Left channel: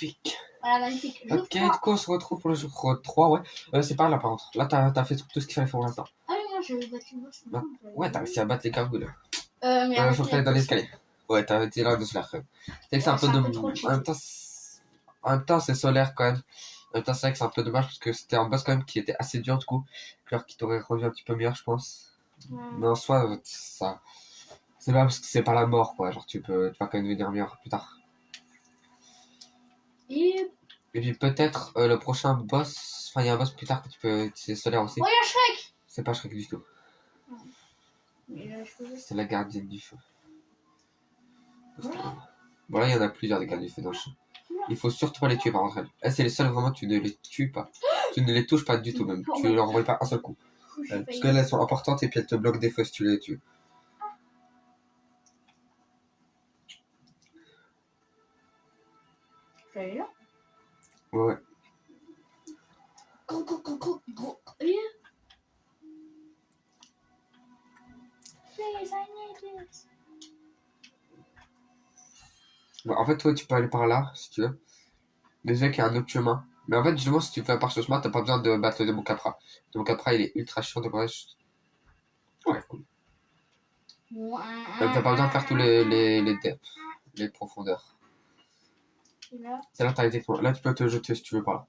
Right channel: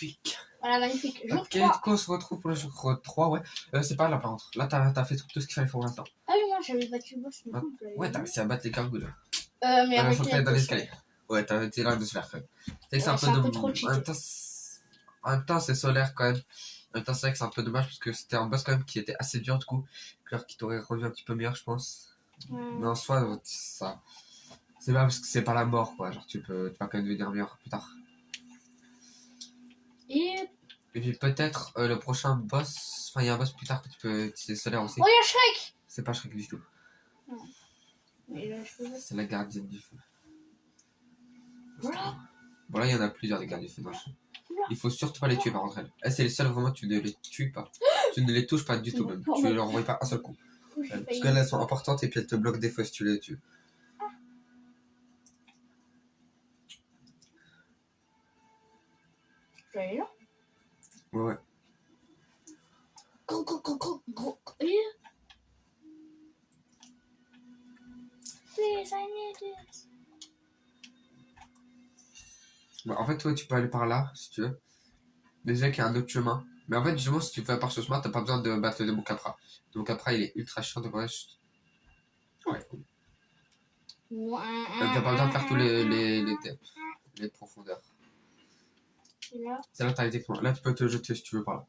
magnifique. Voilà, magnifique. Jour Ok, 3. du coup, on se retrouve pour le jour 3, ouais. C'est pas là, par contre. Là, t'as fait tout ce qu'il fallait faire pour l'instant. Ah oui, moi j'avais battu le boss. Bah, ouais, t'as réussi à battre les gargouilles, là. Mais avec Faut que t'ailles dans l'escalier. Ouais, t'as été là de se faire. C'est Ouais, un peu c'est de. un peu trop En cheaté. même temps, en même temps, c'est solaire quand même. En même temps, c'est vrai que c'est un peu dommage parce que c'était un boss quand même qui était assez dur du coup. Alors qui t'aurait rendu un petit peu meilleur, je pense. Mais en soi, ça. C'est pas parce que c'est pas la mort, quoi. Genre, tu vas quand même devenir meilleur plus tard. Et puis peut-être le prochain boss. Enfin, il y a un boss plus tard que tu peux. C'est solaire aussi. oh, il y a Shrek. C'est pas Shrek du tout. Mais il a cheveux. C'est la gardienne du feu. Voilà. Bon, là, il y en a plusieurs des gardiens du feu dans le champ. Il faut surtout pas les tuer par contre. Elles, c'est les seules vraiment, tu ne les tues pas. Tu ne les touches pas du tout même. Tu leur envoies pas un seul coup. Parce qu'elles, elles sont importantes et puis elles te bloquent des feux si tu les tues. J'allais là. Ouais. Gros. Et les années. Ouais, en fait, toi, tu peux aller par là si tu veux. Déjà qu'il y a un autre chemin. Mais en fait, justement, si tu fais par ce chemin, t'as pas besoin de battre le démon Capra. Le démon Capra, il est ultra chiant de brèche. Ouais, cool. T'as pas besoin de faire tous les depths, les profondeurs. C'est là que t'as été pour. Là, tu peux te jeter si tu veux par là.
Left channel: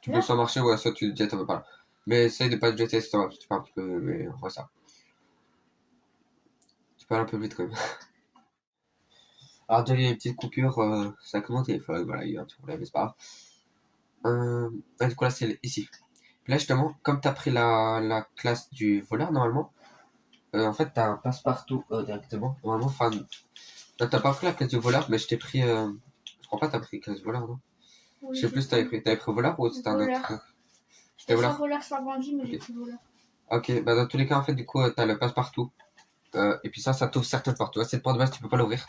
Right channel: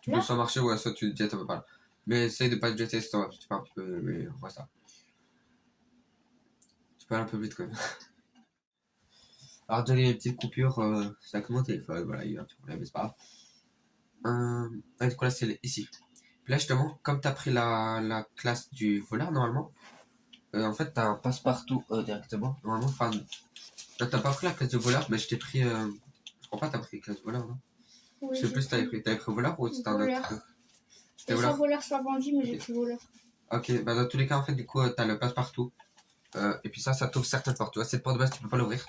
Tu peux soit marcher ou soit tu te jettes un peu par là. Mais essaye de pas te jeter, c'est vrai, tu peux un petit peu. Mais on voit ça. Tu peux aller un peu vite quand même. Alors, donner une petite coupure, ça comme mon téléphone, voilà, il y a un petit problème, mais c'est pas grave. Du coup, là, c'est ici. Puis là, justement, comme t'as pris la classe du voleur, normalement, en fait, t'as un passe-partout directement. Normalement, enfin, là, t'as pas pris la classe du voleur, mais je t'ai pris. Je crois pas que t'as pris la classe du voleur, non? Oui, je sais plus si t'avais pris voleur ou c'était un autre. J'étais soit voleur, soit bandit, mais j'ai pris voleur. Ok, bah dans tous les cas, en fait, du coup, t'as le passe-partout. Et puis ça t'ouvre certaines portes. Tu vois, cette porte de base, tu peux pas l'ouvrir.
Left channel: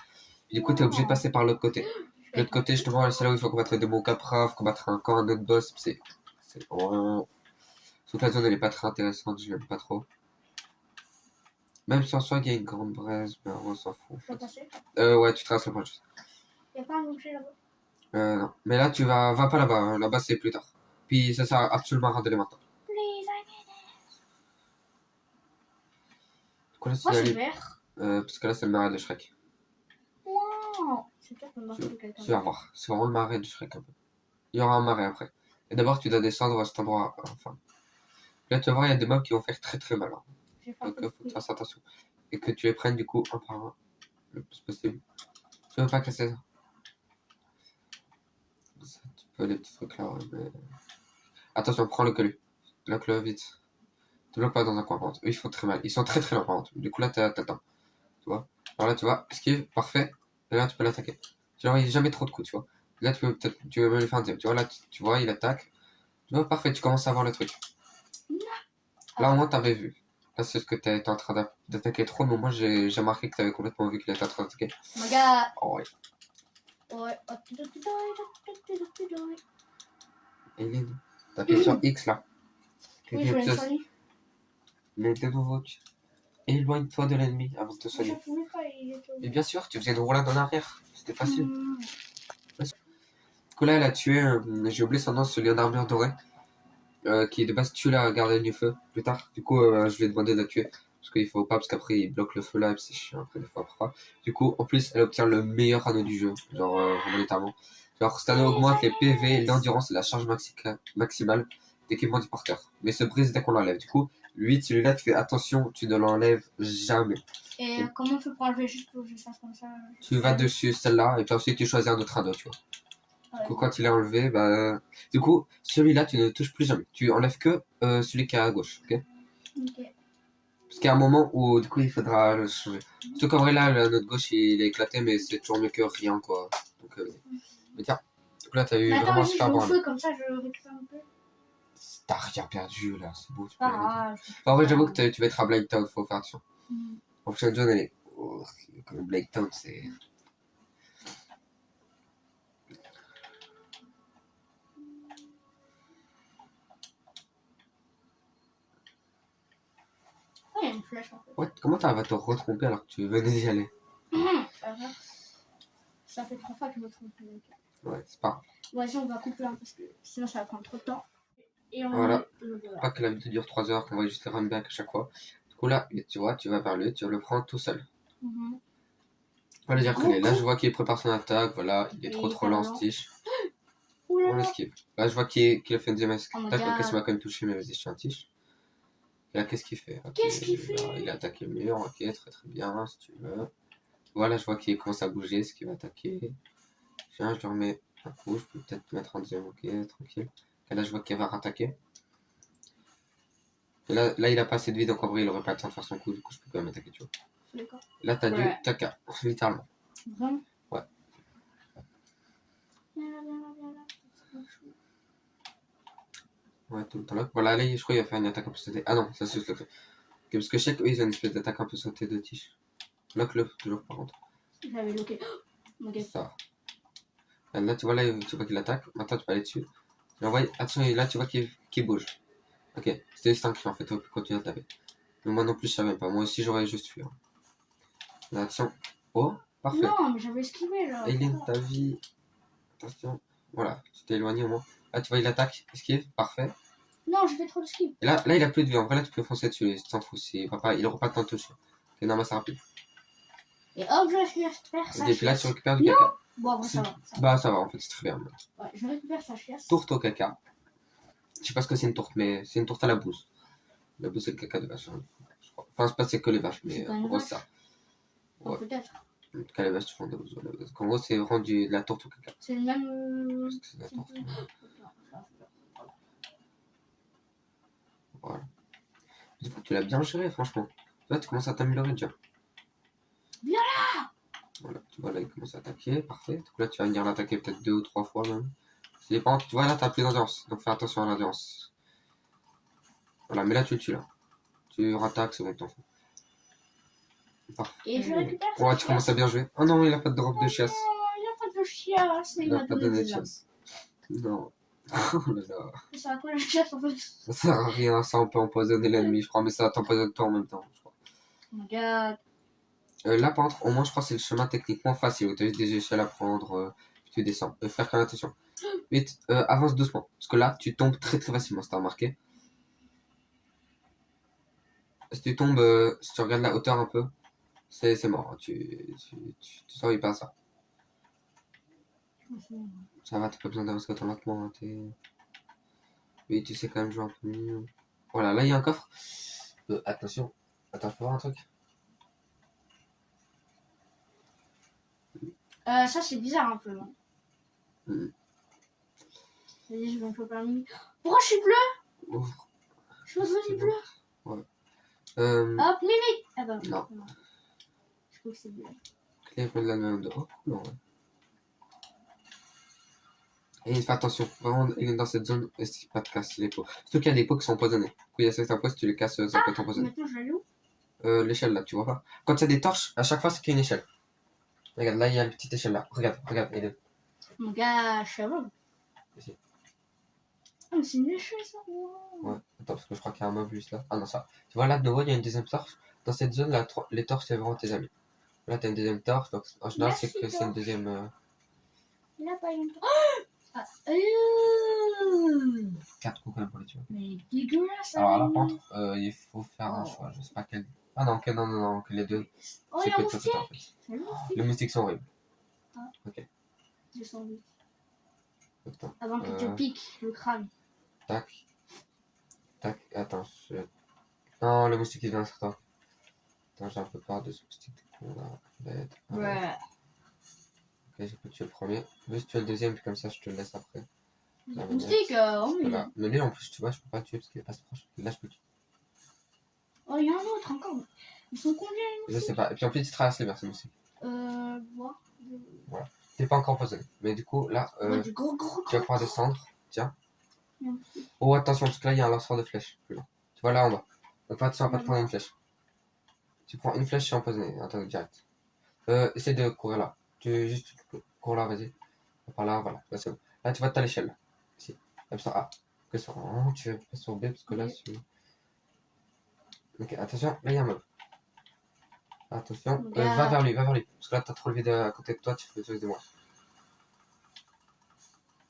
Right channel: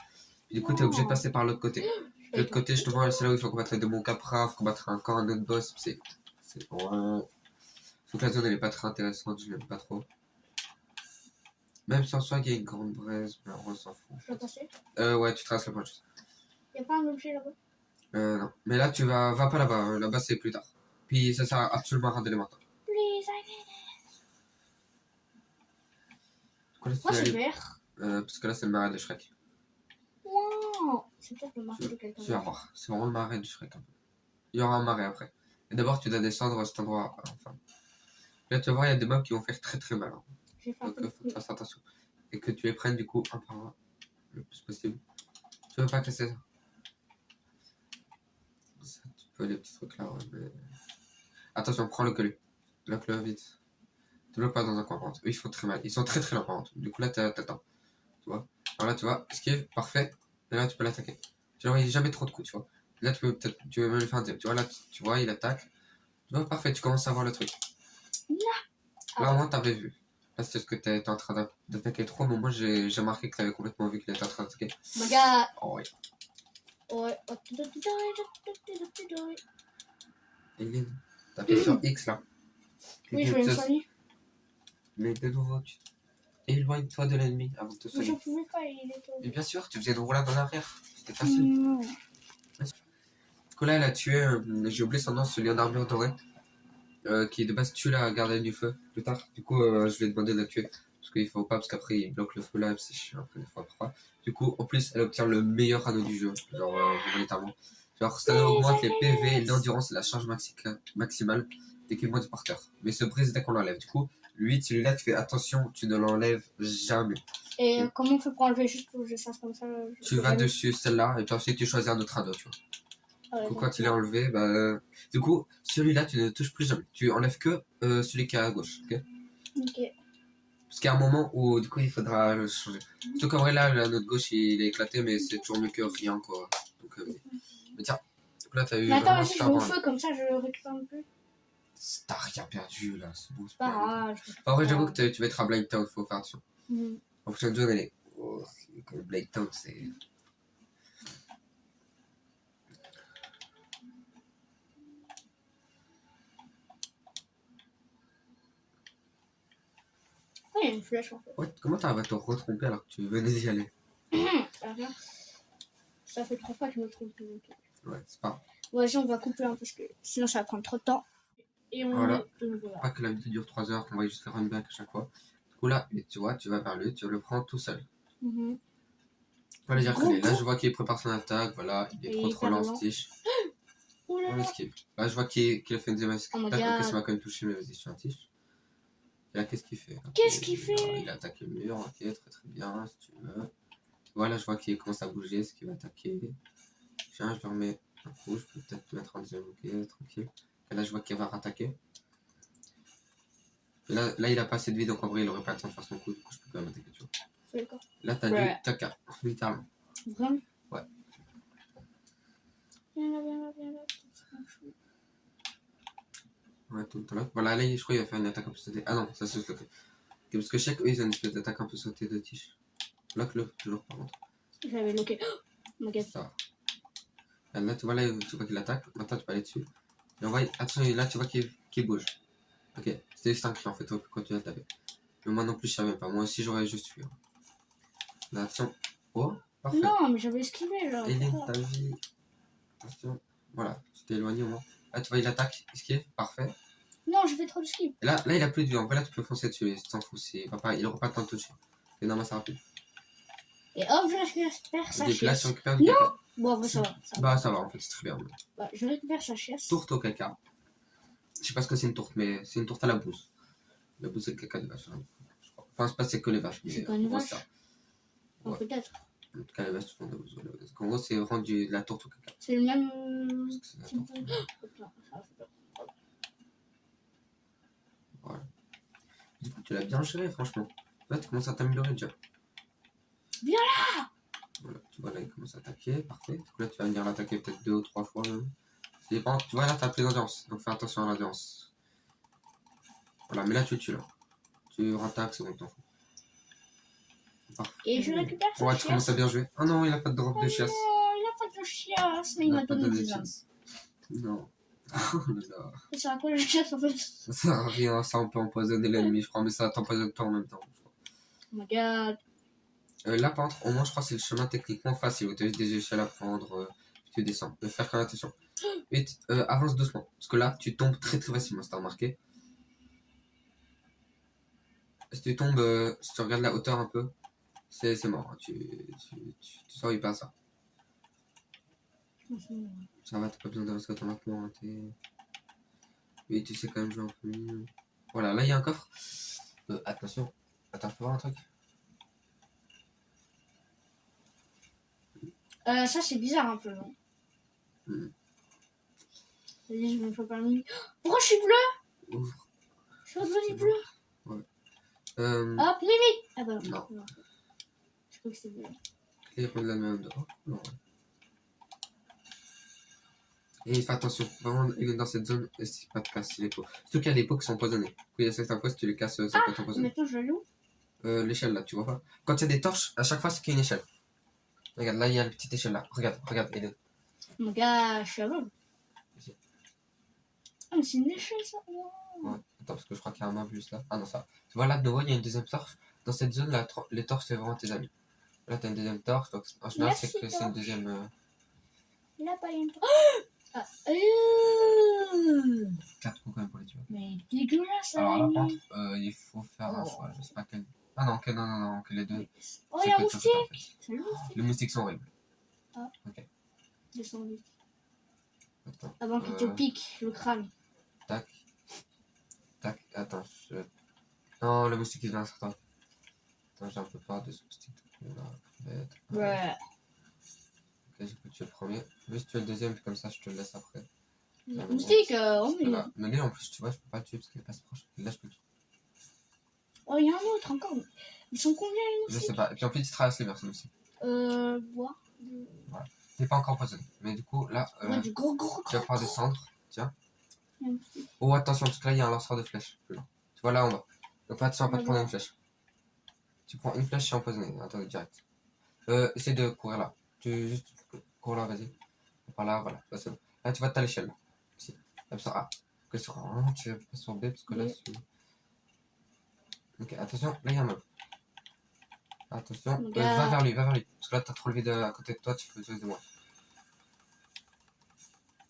Du coup, t'es obligé de passer par l'autre côté. L'autre côté, justement, c'est là où il faut combattre le démon Capra, il faut combattre encore un autre boss. C'est vraiment. Toute la zone, elle est pas très intéressante, je l'aime pas trop. Même sans soi, il y a une grande braise, mais on s'en fout. Tu vas passer Ouais, tu traces le point juste. Y'a pas un objet là-bas Non. Mais là, tu va pas là-bas. Là-bas, c'est plus tard. Puis ça sert absolument à rien d'aller maintenant. Moi, c'est vert. Parce que là, c'est le marais de Shrek. Wow. C'est peut-être le marais de quelqu'un. Tu vas voir. C'est vraiment le marais de Shrek un peu. Il y aura un marais après. Et d'abord, tu dois descendre à cet endroit. Enfin. Là, tu vas voir, il y a des mobs qui vont faire très très mal. Hein. Donc, faut que tu fasses attention. Et que tu les prennes du coup un par un. Le plus possible. Tu veux pas casser ça. Tu peux les petits trucs là. Ouais, mais... Attention, prends le collier. Bloque-le vite. Te bloque pas dans un coin par contre. Eux, ils font très mal. Ils sont très très lents par contre. Du coup, là, t'attends. Tu vois. Alors là, tu vois, esquive, parfait. Et là, tu peux l'attaquer. Tu vois, il n'y a jamais trop de coups, tu vois. Là, tu veux même lui faire un deuxième. Tu vois, là, tu vois, il attaque. Tu vois, parfait, tu commences à voir le truc. Là, au moins, t'avais vu. Là, c'est ce que t'es en train d'attaquer trop, mais moi, j'ai remarqué que t'avais complètement vu qu'il était en train d'attaquer. Regarde. Oh, ouais. Et t'appuies sur X, là. Oui, je vais me soigner. Mais de nouveau, éloigne-toi de l'ennemi avant de te soigner. Je pouvais pas, il était... Mais bien sûr, tu faisais une roulade en arrière. C'était facile. Du coup, là, elle a tué, j'ai oublié son nom, celui en armure dorée. Qui de base tue la gardienne du feu plus tard. Du coup, je lui ai demandé de la tuer. Parce qu'il faut pas, parce qu'après il bloque le feu là, et c'est chiant après des fois parfois. Du coup, en plus, elle obtient le meilleur anneau du jeu. Genre, vraiment littéralement. Genre, cet anneau augmente les PV, l'endurance et la charge maximale d'équipement du porteur. Mais se brise dès qu'on l'enlève. Du coup, lui, celui-là, tu fais attention, tu ne l'enlèves jamais. Et comment on fait pour enlever juste que je fasse comme ça? Tu vas dessus celle-là, et puis ensuite tu choisis un autre anneau, tu vois. Du coup, quand il est enlevé, bah. Du coup, celui-là, tu ne le touches plus jamais. Tu enlèves que celui qui est à gauche, ok? Ok. Parce qu'il y a un moment où, du coup, il faudra le changer. Surtout qu'en vrai, là, notre gauche, il est éclaté, mais c'est toujours mieux que rien, quoi. Donc, mais tiens, donc là, t'as eu mais vraiment attends, super je vais bon. au feu, comme ça, je récupère un peu. T'as rien perdu, là, c'est beau. Pas grave. En vrai, j'avoue que tu vas être à Blind Town, faut faire attention. Mm. En plus, la zone, elle est. Oh, comme Blind Town, c'est. Oh, il y a une flèche en fait. Ouais, comment t'arrives à te retromper alors que tu venais d'y aller? Ça fait 3 fois que je me trompe. Donc... Ouais, c'est pas. Vas-y, on va couper parce que sinon ça va prendre trop de temps. Et on Voilà. le voilà. Pas que la vidéo dure 3 heures, qu'on va juste les run back à chaque fois. Du coup, là, tu vois, tu vas vers lui, tu le prends tout seul. Mhm. Voilà, j'ai Go, recollé. Là, go. je vois qu'il prépare son attaque. Voilà, il est Et trop hyper lent, lent. Stitch. Oh là On là. l'esquive. Là, je vois qu'il a fait une deuxième Oh my attaque. Ok, god. ça m'a quand même touché, mais vas-y, je suis un Stitch. Et là, qu'est-ce qu'il fait? Ok, Qu'est-ce qu'il fait? là, il a attaqué le mur. Ok, très très bien, si tu veux. Voilà, je vois qu'il commence à bouger, ce qu'il va attaquer. Tiens, je le remets un coup. Je peux peut-être mettre un deuxième. Ok, tranquille. Et là, je vois qu'il va rattaquer. Et là, il a pas assez de vie, donc en vrai, il aurait pas le temps de faire son coup. Du coup, je peux quand même attaquer, tu vois. D'accord. Là, t'as Ouais. du caca, littéralement. Vraiment? Ouais. Viens là, viens là, viens là. Ouais, tout le temps là. Voilà, là, je crois qu'il va faire une attaque un peu sautée. Ah non, ça c'est juste le fait. Ok, parce que je sais qu'eux, ils ont une espèce d'attaque un peu sautée de tige. Lock-le, toujours par contre. J'avais loqué. Oh my god. Ça. Et là, tu vois, là, tu vois qu'il attaque. Maintenant, tu peux aller dessus. Tu l'envoies. Attention, là, tu vois qu'il bouge. Ok, c'était juste un cri en fait, tu peux continuer à taper. Mais moi non plus, je savais pas. Moi aussi, j'aurais juste fui. Hein. Là, attention. Oh, parfait. Non, mais j'avais esquivé genre. Aileen, ta vie. Attention. Voilà, tu t'es éloigné au moins. Là, tu vois, il attaque. Esquive, parfait. Non, j'ai fait trop de skip. Et là, il a plus de vie. En vrai, là, tu peux foncer dessus. Tu t'en fous. Il aura pas le temps de toucher. C'est une amasse rapide. Et hop, je récupère sa Et puis là, tu chiasse. récupères du caca. Bon, en vrai, ça va. Bah, ça va, en fait, c'est très bien. Ouais, je récupère sa chiasse. Tourte au caca. Je sais pas ce que c'est une tourte, mais c'est une tourte à la bouse. La bouse, c'est le caca de vache. Hein, je crois. Enfin, c'est pas c'est que les vaches, mais C'est pas en une gros, vache. c'est ça. Oh, Ouais. peut-être. En tout cas, les vaches, tu font de la bouse. Voilà. Parce qu'en gros, c'est vraiment de la tourte au caca. C'est le même. C'est de la type tourte. de- Non, ça va faire peur. Voilà. Du coup, tu l'as bien géré, franchement. Là, tu commences à t'améliorer déjà. Viens là. Voilà, tu vois, là, il commence à attaquer. Parfait. Donc là, tu vas venir l'attaquer peut-être 2 ou 3 fois même. Ça dépend. Tu vois, là, t'as plus d'endurance. Donc fais attention à l'endurance. Voilà, mais là, tu le tues là. Tu rattaques, c'est bon, t'en fous. Parfait. Et je récupère sa Ouais, tu chiasse. commences à bien jouer. Oh non, il a pas de drop de chiasse. Non, il a pas de chiasse, mais il Il a m'a pas donné donné des de âmes. chiasse. Non. Oh là là. Ça sert à quoi la chiasse en fait? Ça sert à rien, ça on peut empoisonner l'ennemi, je crois, mais ça t'empoisonne toi en même temps, je crois. Oh my god. Là, par contre, au moins, je crois que c'est le chemin techniquement facile, où t'as juste des échelles à prendre, tu descends. Faire quand même attention. Vite, avance doucement, parce que là, tu tombes très très facilement, si t'as remarqué. Si tu tombes, si tu regardes la hauteur un peu, c'est mort, hein. Tu survis pas ça. Ça va, t'as pas besoin d'avancer automatiquement, hein, oui, tu sais quand même jouer un peu mieux. Voilà, là, il y a un coffre. Attention. Attends, je peux voir un truc? Ça c'est bizarre un peu. Non Vas-y, je vais me faire permis. Pourquoi je suis bleu? Ouvre. Je suis devenu bleu. Ouais. Hop, limite. Ah bah Non. Je crois que c'est bleu. Clé de la même de. Oh, non, ouais. Et fais attention, vraiment, il est dans cette zone, essaye pas de casser les pots. Surtout qu'il y a des pots qui sont empoisonnés. Du coup, il y a certains pots, si tu les casses, ça peut t'empoisonner. Maintenant je l'ouvre. L'échelle là, tu vois pas? Quand il y a des torches, à chaque fois, c'est qu'il y a une échelle. Regarde, là, il y a une petite échelle là. Regarde, Aiden. Mon gars, je suis à l'eau. Ici. Ah, mais c'est une échelle ça. Wow. Ouais, attends, parce que je crois qu'il y a un mob juste là. Ah non, ça. Tu vois là, de nouveau, il y a une deuxième torche. Dans cette zone là, les torches, c'est vraiment tes amis. Là, t'as une deuxième torche, donc en général, c'est que c'est une deuxième. Il a pas eu une torche. Ah. 4 coups quand même pour les tuer. Mais dégueulasse. Alors là, lui. par contre, il faut faire un choix. Je sais pas quel. Ah non, non, que les deux. Oh, C'est il y a un que moustique. en fait. C'est le moustique. Les moustiques sont horribles. Ah. Ok. Descends vite. Attends. Avant qu'il te pique le crâne. Tac. Attends. Non, le moustique il vient sur toi. Attends, j'ai un peu peur de ce moustique de con là. Bête. Ouais. Ok, je peux tuer le premier. Juste tuer le deuxième, puis comme ça je te le laisse après. Le moustique, oh mais. Voilà. Mais lui en plus, tu vois, je peux pas le tuer parce qu'il est pas si proche. Là, je peux le tuer. Oh, il y a un autre encore. Ils sont combien les Je moustiques? sais pas. Et puis en plus, il traverse les mers, ce moustique. Bois. Voilà. T'es pas encore empoisonné. Mais du coup, là, Ouais, du gros. tu vas pouvoir descendre. Tiens. Il y a un moustique. Oh, attention, parce que là, il y a un lanceur de flèches. Plus loin. Tu vois là en bas. Donc fais attention à pas te prendre une flèche. Tu prends une flèche, tu es empoisonné. Attends, direct. Essaie de courir là. Tu juste cours là, vas-y. Par là, voilà. Là, c'est bon. Là, tu vois, t'as l'échelle. Là. Ici. Comme sur A. Que sur A. Tu vas pas sur B parce que là, c'est. Ok, attention. Là, il y a un mob. Attention, Regarde. va vers lui, va vers lui. Parce que là, t'as trop levé à côté de toi, tu peux te de moi.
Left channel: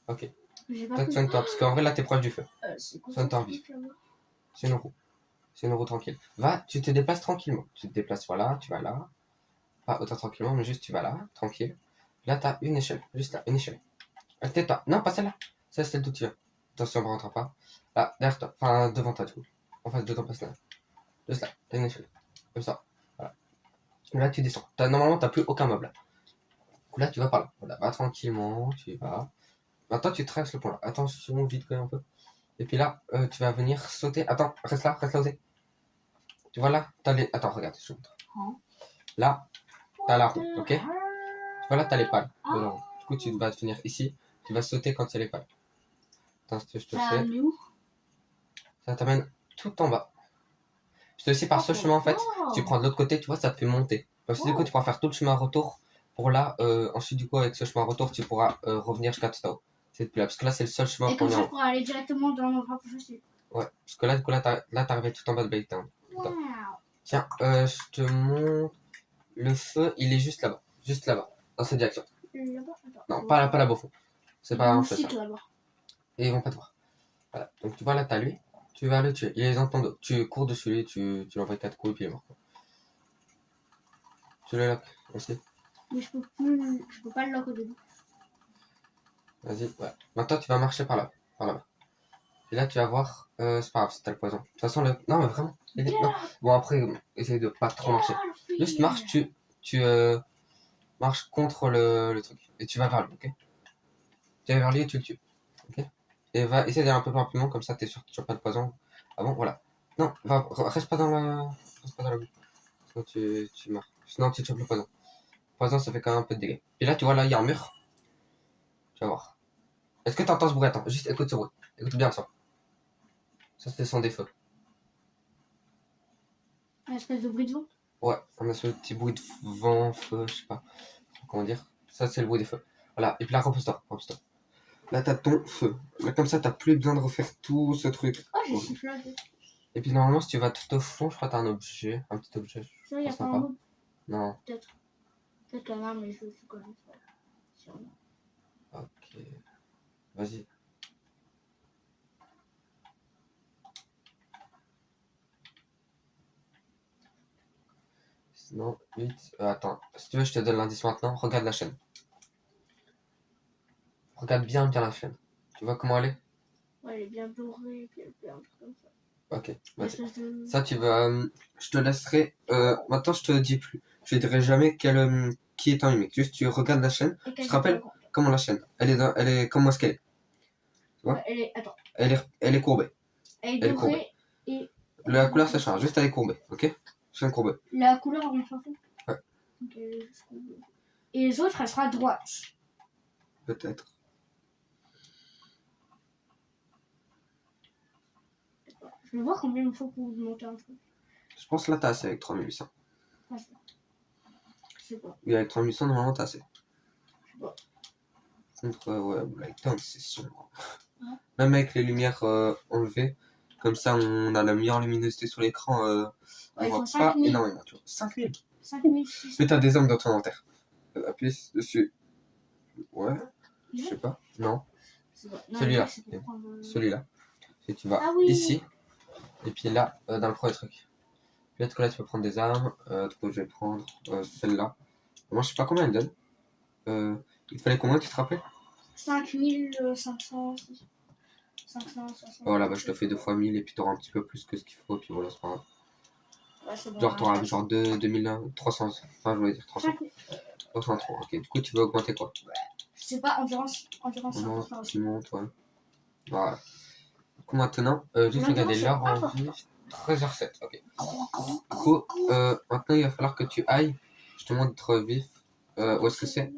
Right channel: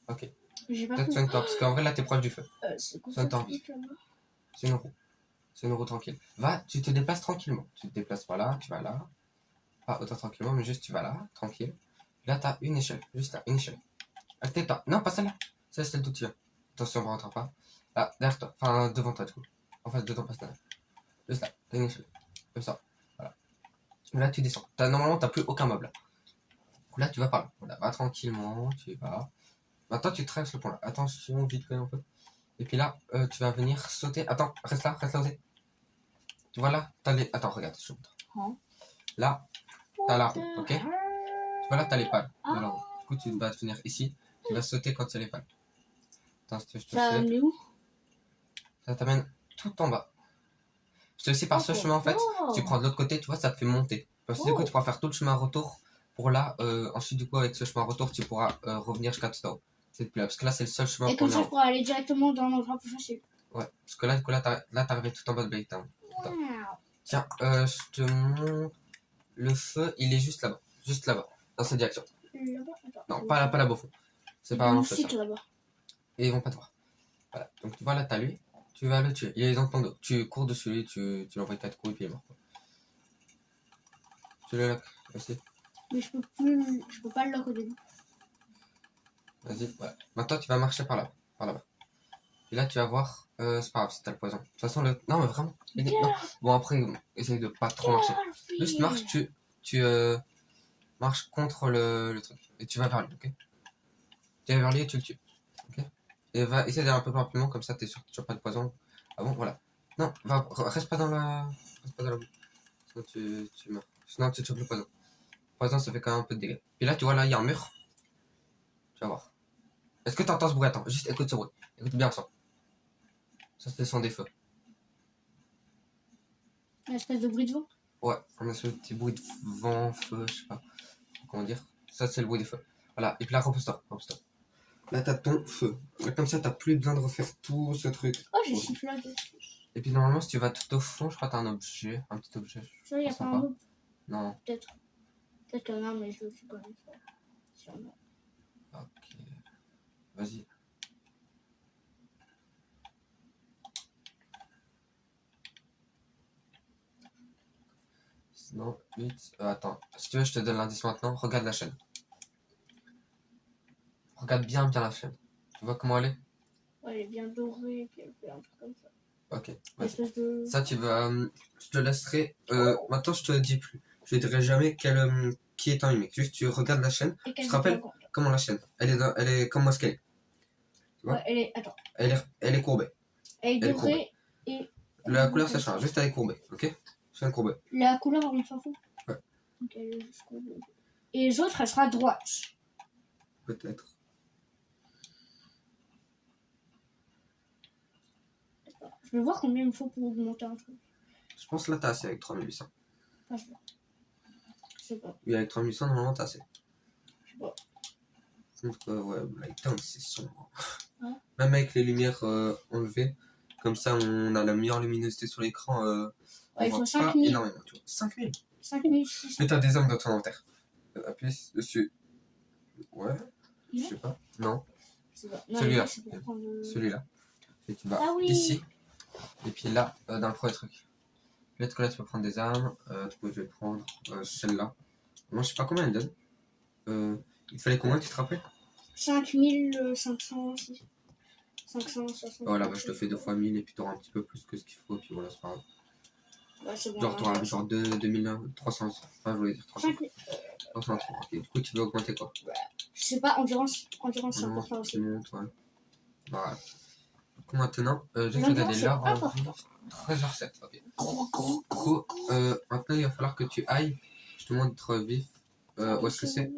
Ok, J'ai pas peut-être pu. soigne-toi, parce qu'en vrai, là, t'es proche du feu. C'est quoi Soigne-toi en ce vif. truc, là-bas? C'est une roue. C'est une roue tranquille. Va, tu te déplaces tranquillement. Tu te déplaces voilà, tu vas là. Pas autant tranquillement, mais juste tu vas là, tranquille. Là, t'as une échelle, juste là, une échelle. Tais-toi. Non, pas celle-là. C'est celle d'où tu viens. Attention, on ne rentre pas. Là, derrière toi. Enfin, devant toi, du coup. En face de ton personnage. Juste là, t'as une échelle. Comme ça. Voilà. Et là, tu descends. Normalement, t'as plus aucun meuble. Là, tu vas par là. Voilà, va tranquillement, tu y vas. Maintenant, tu traverses le point là. Attention, vite quand même un peu. Et puis là, tu vas venir sauter. Attends, reste là sauter. Tu vois là, t'as les. Attends, regarde, je te montre. Hein? Là, t'as la roue, ok? Tu Ah. vois là, t'as les pales de la roue. Du coup, tu vas venir ici. Tu vas sauter quand il y a les pales. Attends, je te Ça sais. met où? Ça t'amène tout en bas. Parce que aussi par ce chemin, en fait, si tu prends de l'autre côté, tu vois, ça te fait monter. Donc, du coup, tu pourras faire tout le chemin retour. Pour là, ensuite, du coup, avec ce chemin retour, tu pourras revenir jusqu'à tout en haut. C'est plus là. Parce que là, c'est le seul chemin Et qu'on comme y ça, a. je pourrais aller directement dans l'endroit plus facile. Ouais, parce que là, du coup, là, t'es arrivé tout en bas de Baytown. Wow. Tiens, je te montre. Le feu, il est juste là-bas. Juste là-bas. Dans cette direction. Là-bas, attends. Non, pas là-bas au fond. C'est pas un feu, ça. là-bas. Et ils vont pas te voir. Voilà. Donc, tu vois, là, t'as lui. Tu vas le tuer. Il est dans ton dos. Tu cours dessus lui, tu l'envoies 4 coups et puis il est mort. Tu le lock aussi. Mais je peux pas le lock au début. Vas-y, voilà. Maintenant, tu vas marcher par là. Par là-bas. Et là, tu vas voir. C'est pas grave, c'est t'as le poison. De toute façon, le. Non, mais vraiment. Non. Bon, après, essaye de pas trop marcher. Juste marche, tu marches contre le truc. Et tu vas vers lui, ok? Tu vas vers lui et tu le tues. Ok? Et va essayer d'aller un peu plus rapidement, comme ça, t'es sûr que tu n'as pas de poison. Ah bon, voilà. Non, reste pas dans la. Reste pas dans la boue. Sinon, tu meurs. Sinon, tu chopes le poison. Le poison, ça fait quand même un peu de dégâts. Et là, tu vois, là, il y a un mur. Tu vas voir. Est-ce que tu entends ce bruit? Attends, juste écoute ce bruit. Écoute bien ça. Ça, c'est le son des feux. Une espèce de bruit de vent. Ouais, on a ce petit bruit de vent, feu, je sais pas comment dire. Ça, c'est le bruit des feux. Voilà, et puis là, repose-toi. Repose-toi. Là, t'as ton feu. Là, comme ça, t'as plus besoin de refaire tout ce truc. Oh, j'ai sifflé. Et puis, normalement, si tu vas tout au fond, je crois que t'as un objet. Un petit objet. Ça, il y a pense pas pas. un mob. Non. Peut-être. Peut-être qu'il y en a un, mais je sais quand même pas. Sûrement. Ok. Vas-y. Sinon, 8. Attends. Si tu veux, je te donne l'indice maintenant. Regarde la chaîne. Regarde bien la chaîne. Tu vois comment elle est? Ouais, elle est bien dorée, et puis elle fait un truc comme ça. Ok. Une Vas-y. espèce de. Ça, tu vas. Je te laisserai. Maintenant, je te dis plus. Je te dirai jamais qui est ton ennemi. Juste, tu regardes la chaîne. Et Je te rappelle comment la chaîne. Elle est comment est-ce qu'elle est. Tu vois? Ouais, elle est. Attends. Elle est courbée. Elle est Elle est dorée et. La couleur, ça change. Juste, elle est courbée. Ok? Chaîne courbée. La couleur, on s'en fout. Ouais. Donc, elle est juste courbée. Et les autres, elle sera droite. Peut-être. Je vais voir combien il me faut pour augmenter un truc. Je pense que là, t'as assez avec 3800. Ah, je sais pas. Oui, avec 3800, normalement, t'as assez. Je sais pas. Contre, ouais, Blacktown, c'est sombre. Ouais. Même avec les lumières enlevées, comme ça, on a la meilleure luminosité sur l'écran. Ouais, on il voit faut pas 5000. énormément, tu vois. 5000. 5600. Mais t'as des hommes dans ton inventaire. Appuie dessus. Ouais, je sais pas. Non, celui-là. Celui-là. Et tu vas Ah oui. ici. Et puis là, dans le premier truc. Peut-être que là, tu peux prendre des armes. Du coup, je vais prendre celle-là. Moi, je sais pas combien elle donne. Il fallait combien, tu te rappelles? 5500. 560. Voilà, bah, je te fais 2 fois 1000 et puis tu auras un petit peu plus que ce qu'il faut. Et puis voilà, c'est pas grave. Ouais, c'est bon. Genre, tu auras genre 2300. Enfin, je voulais dire 300. 303. Ok, du coup, tu veux augmenter quoi? Je sais pas, endurance c'est Non, important tu aussi. montes, ouais. Voilà. Du coup, maintenant, juste Maintenant, regarder c'est l'heure en important. vie. 13h07, ok. Du coup, maintenant, il va falloir que tu ailles. Je te montre vif. Où est-ce que c'est?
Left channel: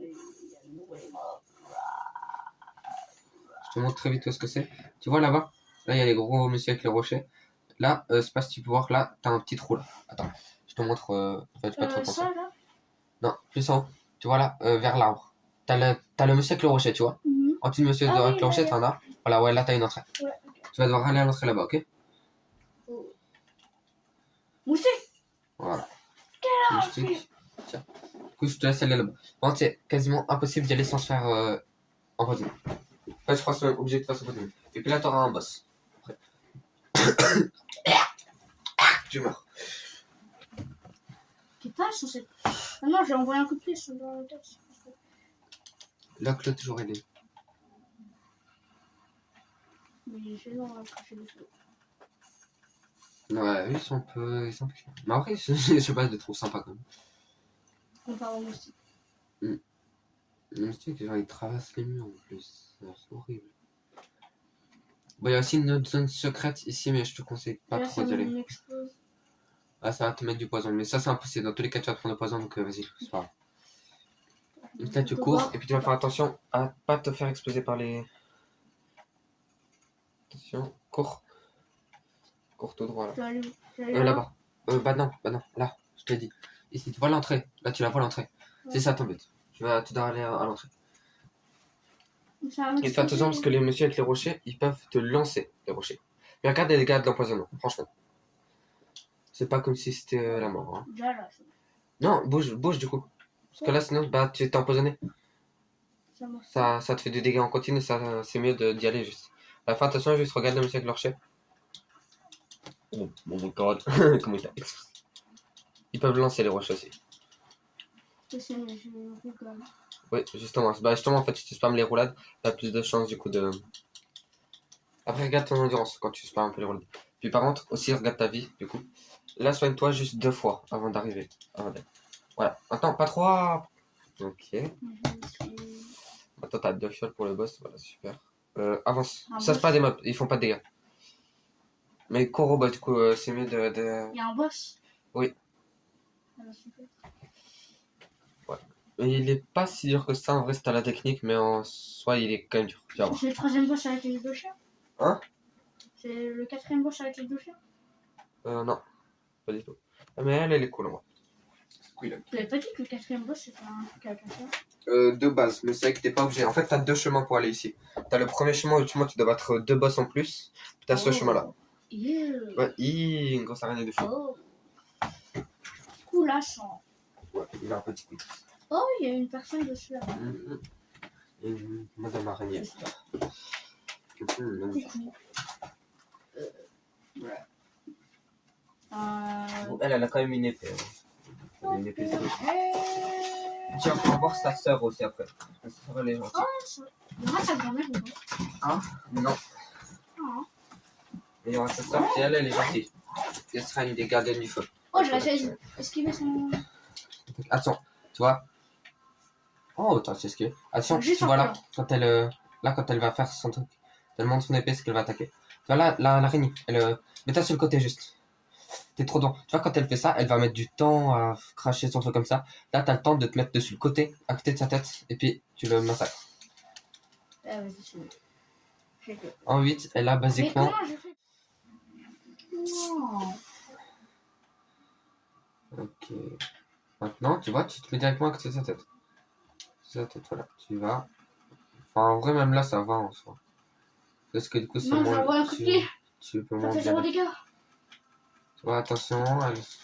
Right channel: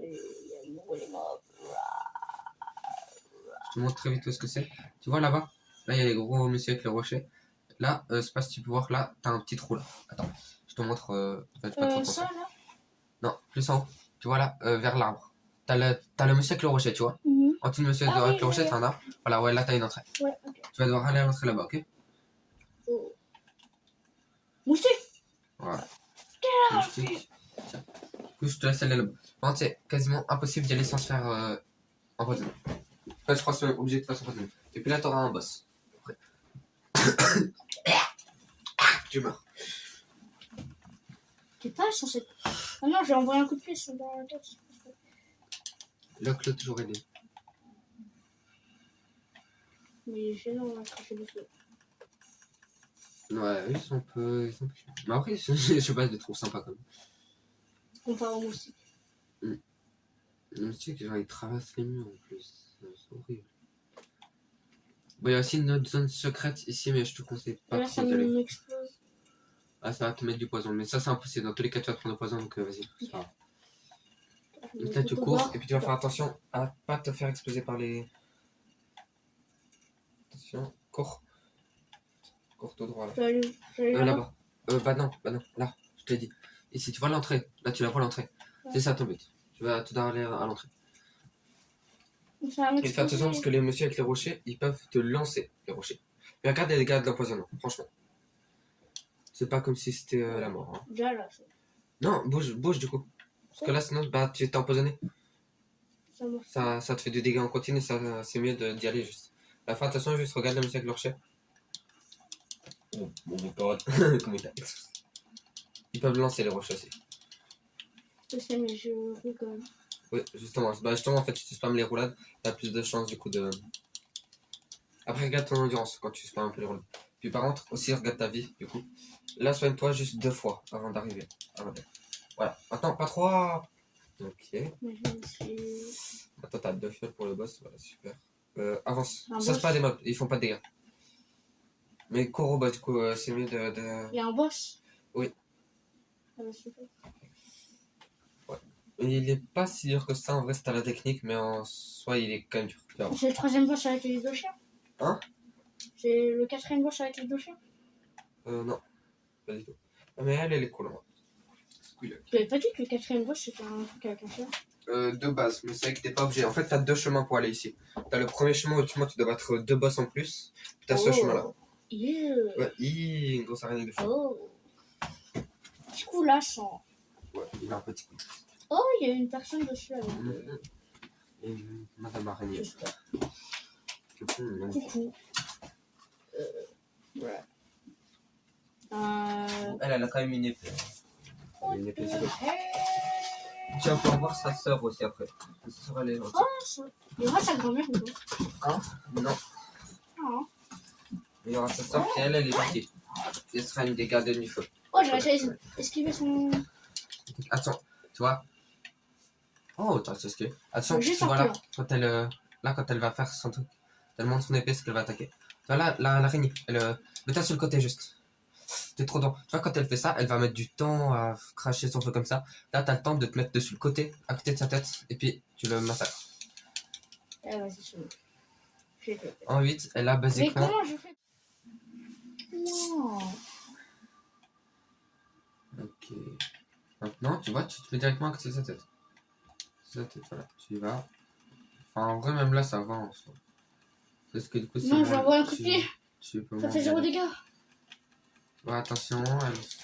Je te montre très vite où est-ce que c'est. Tu vois là-bas? Là, il y a les gros messieurs avec les rochers. Là, c'est pas si tu peux voir, là, t'as un petit trou là. Attends, je te montre. En fait, je vais pas te Ça montrer. là. Non, plus en haut. Tu vois là, vers l'arbre. T'as le monsieur avec le rocher, tu vois. En dessous du monsieur Ah, avec oui, le rocher, là, t'en as. Voilà, ouais, là, t'as une entrée. Ouais, ok. Tu vas devoir aller à l'entrée là-bas, ok? Oh. Moustique. Voilà. là, moustique. Tiens. Du coup, je te laisse aller là-bas. Par contre, c'est quasiment impossible d'y aller sans se faire empoisonner. En fait, je crois que c'est obligé de faire s'empoisonner. Et puis là, t'auras un boss. Après. Je meurs. T'es pas censé. Ah non, j'ai envoyé un coup de pied dans la tête. Là, Claude, toujours aidé. Mais j'ai non, craché dessus. Ouais, ils sont un peu chiants. Mais après, je sais pas, je les trouve sympas quand même. Comparé au moustique. Les moustiques, genre, ils traversent les murs en plus. C'est horrible. Bon, il y a aussi une autre zone secrète ici, mais je te conseille pas Et là, trop ça d'y aller. m'explose. Ah, ça va te mettre du poison. Mais ça, c'est impossible. Dans tous les cas, tu vas prendre le poison, donc vas-y, c'est pas grave. Et là, tu cours, et puis tu vas faire attention à pas te faire exploser par les. Attention, cours. Cours tout droit là. Je vais aller Là-bas. Bah non, là, je t'ai dit. Ici, tu vois l'entrée. Là, tu la vois l'entrée. Ouais. C'est ça ton but. Tu dois aller à l'entrée. Ça va Et fais attention parce que les messieurs avec les rochers, ils peuvent te lancer les rochers. Mais regarde les dégâts de l'empoisonnement, franchement. C'est pas comme si c'était la mort. Hein. Déjà là, Non, bouge du coup. Parce que là, sinon, bah, tu t'es empoisonné. Ça te fait du dégât en continu, c'est mieux d'y aller juste. À la fin, attention, juste regarde le monsieur avec le rocher. Oh my god. Comment il a explosé. Ils peuvent lancer les rochers aussi. Je sais, mais je rigole. Oui, justement. Bah, justement, en fait, si tu spams les roulades, t'as plus de chances du coup de. Après, regarde ton endurance quand tu spams un peu les roulades. Puis par contre, aussi, regarde ta vie, du coup. Là, soigne-toi juste 2 fois avant d'arriver. Voilà. Attends, pas 3. Ok. Attends, t'as 2 fioles pour le boss. Voilà, super. Avance. Ça, c'est pas des mobs. Ils font pas de dégâts. Mais cours au boss, du coup, c'est mieux de. Il y a un boss? Oui. Ah bah, super. Ouais. Et il est pas si dur que ça, en vrai, c'est à la technique, mais en soi, il est quand même dur. Tu vas voir. C'est le 3ème boss avec les 2 chiens? Hein? C'est le 4ème boss avec les 2 chiens? Non. Pas du tout. Ah, mais elle est cool, moi. Tu avais pas dit que le 4ème boss c'était un truc avec un chien? De base, mais c'est vrai que t'es pas obligé. En fait, t'as 2 chemins pour aller ici. T'as le premier chemin où tu dois battre 2 boss en plus. Puis t'as ce chemin-là. Ouais, une grosse araignée de feu. Oh. Du coup, là, sans. Ouais, il a un petit coup. Oh, il y a une personne dessus là. Et Madame Araignée. Coucou. Ouais. Elle a quand même une épée. Elle a une épée sur le. Tu vas pouvoir voir sa sœur aussi après. Sa sœur, elle est gentille. Oh, il y aura sa grand-mère ou pas? Hein? Non. Ah. Il y aura sa sœur et elle est gentille. Elle sera une des gardiennes du feu. Oh, j'ai réussi à esquiver son. Attention, tu vois. Oh, t'as esquivé. Attention, Juste tu vois un là, quand elle va faire son truc, elle monte son épée, c'est qu'elle va attaquer. Tu vois là, l'araignée, mets-toi sur le côté juste. T'es trop dans. Tu vois, quand elle fait ça, elle va mettre du temps à cracher son feu comme ça. Là, t'as le temps de te mettre dessus le côté, à côté de sa tête, et puis tu le massacres. Ah, vas-y, je fais. En 8, elle a Mais basiquement. comment je fais? Non. Ok. Maintenant, tu vois, tu te mets directement à côté de sa tête. Sa tête, voilà. Tu vas. Enfin, en vrai, même là, ça va en soi. Parce que du coup, c'est Non, moins. j'envoie un coup de pied. Tu peux Ça moins fait bien. 0 dégâts. Ouais, attention, je sais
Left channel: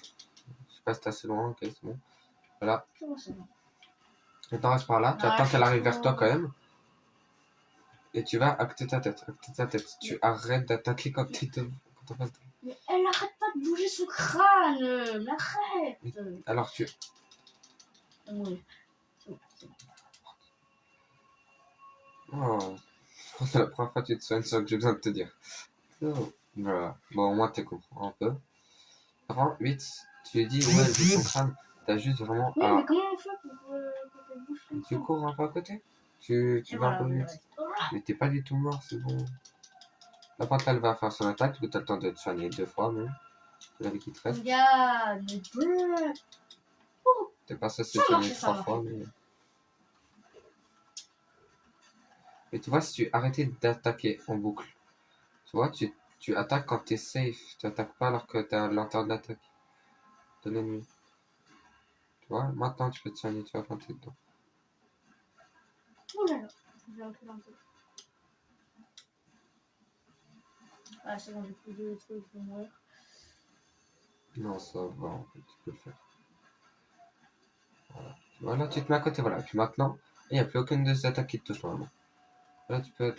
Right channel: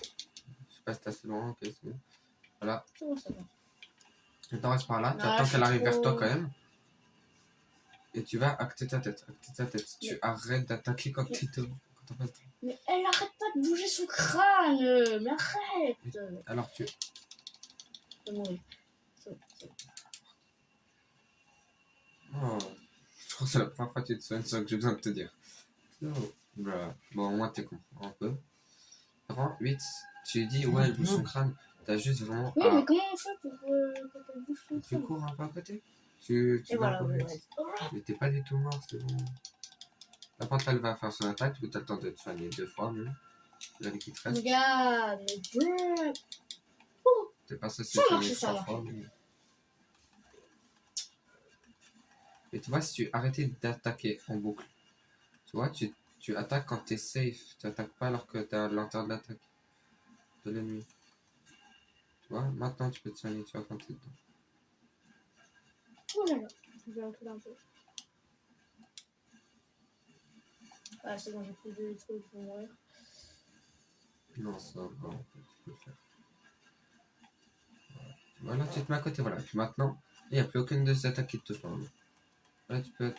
pas si t'es assez loin, ok, c'est bon. Voilà. C'est bon, c'est bon. Maintenant, reste par là, tu Ah, attends je qu'elle suis arrive trop- vers toi quand même. Et tu vas à côté de ta tête, à côté de ta tête. Tu arrêtes d'attaquer quand t'en passes. Mais elle arrête pas de bouger son crâne. Mais arrête. Alors tu. C'est bon. C'est bon. Oh, je crois que c'est la première fois que tu te soignes sans que j'ai besoin de te dire. Oh, voilà. Bon, au moins tu comprends un peu. Avant, 8, tu dis, ouais, elle bouge son crâne. T'as juste vraiment. Oui, mais comment on fait pour quand elle bouge son Tu crâne? cours un peu à côté. Tu Et vas un voilà, peu oui, vite. ouais. Mais t'es pas du tout mort, c'est bon. La pente, elle va faire son attaque, du coup, t'as le temps de te soigner 2 fois même. La vie qui te reste. Regarde, mais brrr. T'es pas censé Ça te marche, soigner ça 3 marche. fois, mais. Mais tu vois, si tu arrêtais d'attaquer en boucle, tu vois, tu attaques quand t'es safe. Tu attaques pas alors que t'as l'intérieur de l'attaque de l'ennemi. Tu vois, maintenant tu peux te soigner, tu vois, quand t'es dedans. Oh là là, je vais reculer un peu. Ah, c'est bon, j'ai plus de trucs, je vais mourir. Non, ça va, en fait, tu peux le faire. Voilà, tu te mets à côté, voilà. Et puis maintenant, il n'y a plus aucune de ces attaques qui te touche normalement. Là, tu peux.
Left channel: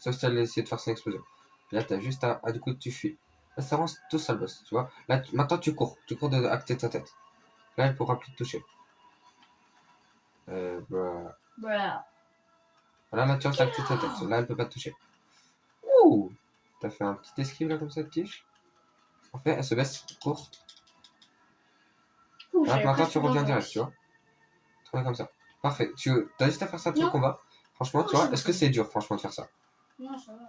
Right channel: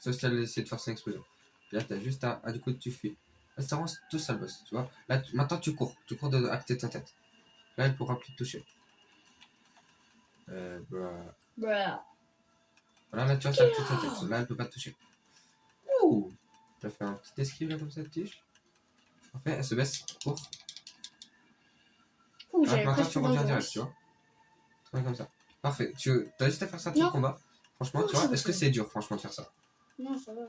Sauf si elle essaie de faire son explosion. Puis là, t'as juste à. Ah, du coup, tu fuis. Là, ça rend tout ça le boss, tu vois. Là, maintenant, tu cours. Tu cours à côté de ta tête. Là, elle pourra plus te toucher. Bah. Bruh. Voilà, là, tu restes à côté de ta tête. Là, elle peut pas te toucher. Ouh! T'as fait un petit esquive là, comme ça, de tige. En fait, elle se baisse, court. Ouh, Alors j'avais maintenant, presque tu reviens vengeance. direct, tu vois. Tu reviens comme ça. Parfait. T'as juste à faire ça tout le Non. combat. Franchement, Non, tu vois, c'est est-ce bon. que c'est dur, franchement, de faire ça? Non, ça va.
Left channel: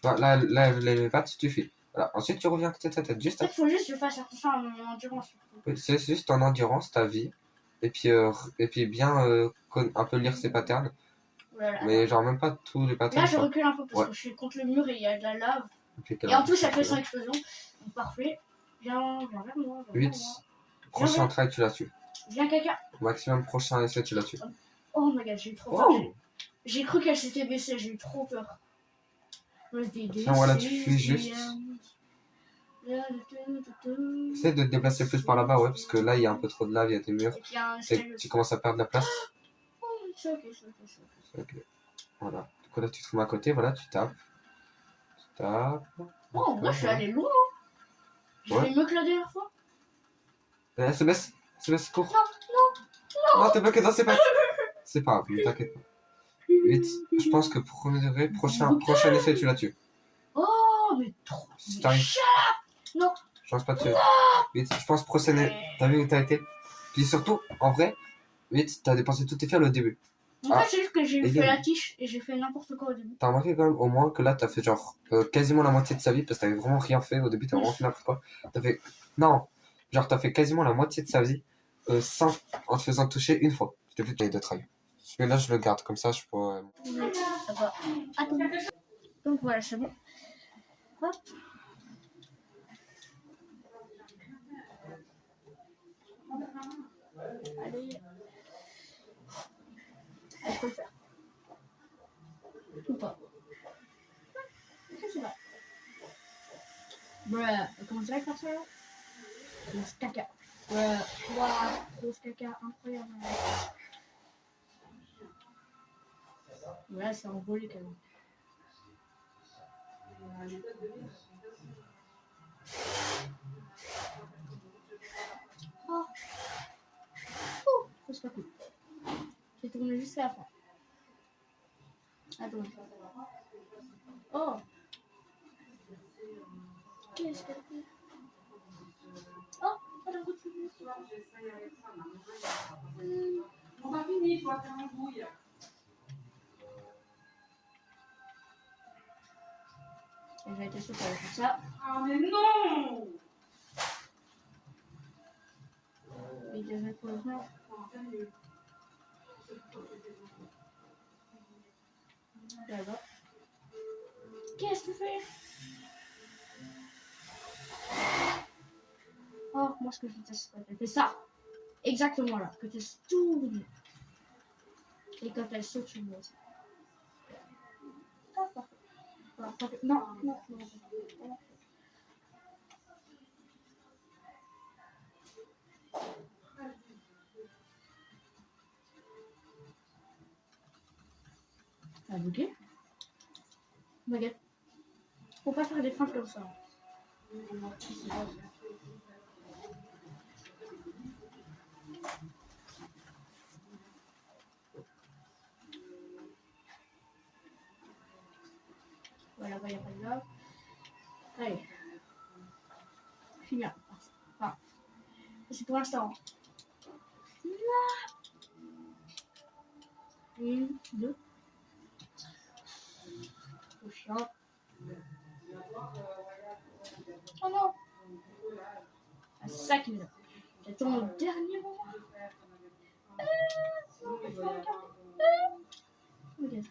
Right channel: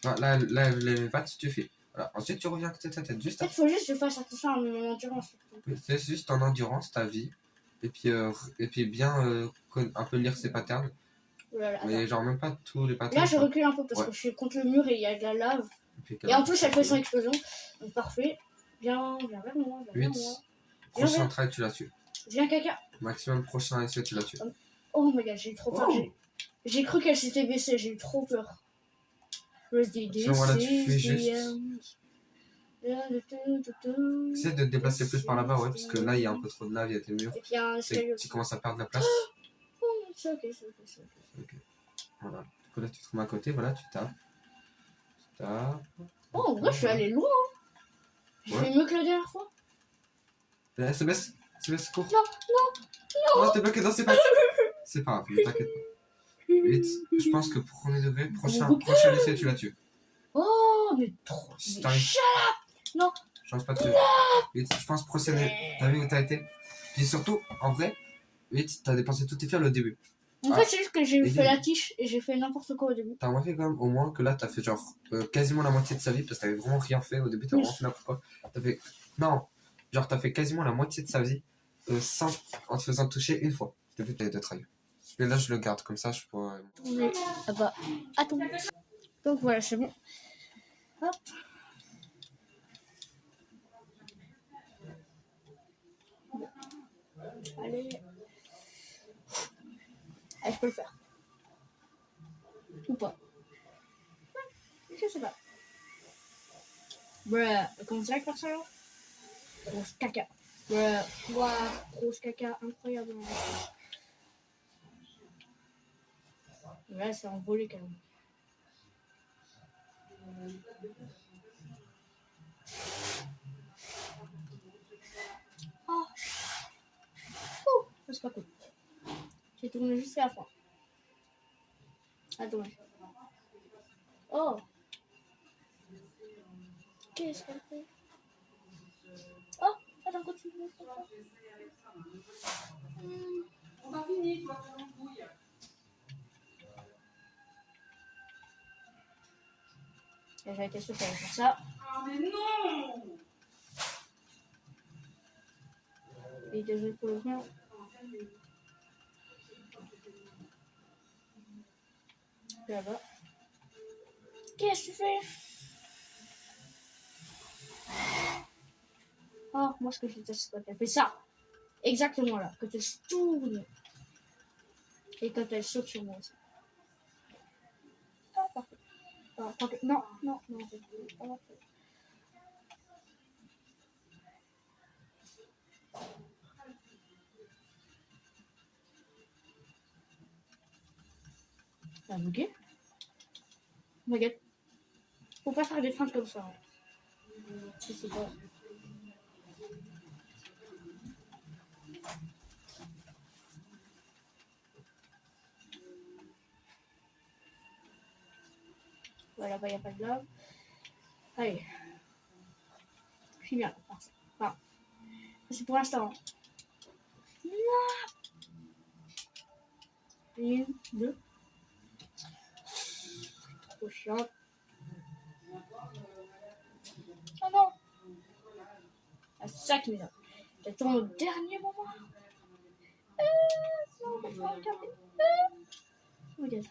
Tu vois, là, les pattes, tu fais. Voilà. Ensuite, tu reviens à côté de ta tête. Juste En à fait, faut juste que je fasse attention à mon endurance. oui, c'est juste ton endurance, ta vie, et puis bien un peu lire ses patterns, Voilà, mais attends. genre même pas tous les patterns. Là, je quoi. recule un peu parce Ouais. que je suis contre le mur et il y a de la lave. puis Et en plus, elle fait son explosion. explosion. Donc, parfait. Viens vers moi. Viens vers moi. 8, prochain Viens, try, tu la tues. Viens, caca. Maximum prochain essai, tu la tues. Oh my god, j'ai eu trop peur. Oh J'ai cru qu'elle s'était baissée. J'ai eu trop peur. Sinon, voilà, tu fuis juste. Essaie de te déplacer plus par là-bas, ouais, parce que là, il y a un peu trop de lave, il y a des murs. Et puis, il y a un escalier. Tu commences à perdre la place. Oh, c'est ok, c'est ok, c'est ok. Ok. Voilà. Du coup, là, tu te mets à côté, voilà, tu tapes. Tu tapes. Oh, en vrai, je suis allé loin. J'ai Ouais. fait mieux que la dernière fois. Elle se baisse, cours. Non, Non, t'es bloqué dans ses pattes. C'est pas grave, ne t'inquiète pas. 8, je pense que premier degré, prochain essai, tu la tues. Oh, mais trop. Si Mais t'arrives. Non. Je pense pas que tu. 8, je pense prochain. T'as vu où t'as été? Puis surtout, en vrai, 8, t'as dépensé toutes tes fioles au début. En fait, c'est juste que j'ai et fait game. la tige et j'ai fait n'importe quoi au début. T'as remarqué quand même au moins que là, t'as fait genre quasiment la moitié de sa vie parce que t'avais vraiment rien fait au début, t'as vraiment fait n'importe quoi. T'as fait. Non, genre t'as fait quasiment la moitié de sa vie sans en te faisant toucher une fois. Je t'ai vu t'avais de try. Mais là, je le garde comme ça, je pourrais. Mais, attends. Donc voilà, c'est bon. Hop. Allez. Allez, je peux le faire. Ou pas. Je sais pas. Bruh, comment ça faire ça? Grosse caca. Bruh, waouh, grosse caca, incroyable. Là, c'est envolé quand même. Oh. Oh, c'est pas cool. J'ai tourné jusqu'à la fin. Attends. Oh. Qu'est-ce qu'elle fait? Oh, attends, continue. On a fini, toi, t'es en bouille. J'avais été sûre qu'elle allait faire ça. Ah, mais non! Et désolé pour le mur. Là-bas. Qu'est-ce que tu fais? Oh, moi ce que je déteste, c'est quand elle fait ça. Exactement là. Quand elle se tourne. Et quand elle saute sur moi aussi. Ah, parfait. Ah, parfait. Non, non, non. Non. Ça a bugué? Oh my god. Faut pas faire des feintes comme ça. C'est pas... Voilà, là-bas, il n'y a pas de lave. Allez. Je suis bien. Enfin, c'est pour l'instant. Une, deux. Trop chiant. Oh non! Ah, c'est ça qui me donne. J'attends le dernier moment. Non, il faut regarder. Oh my god.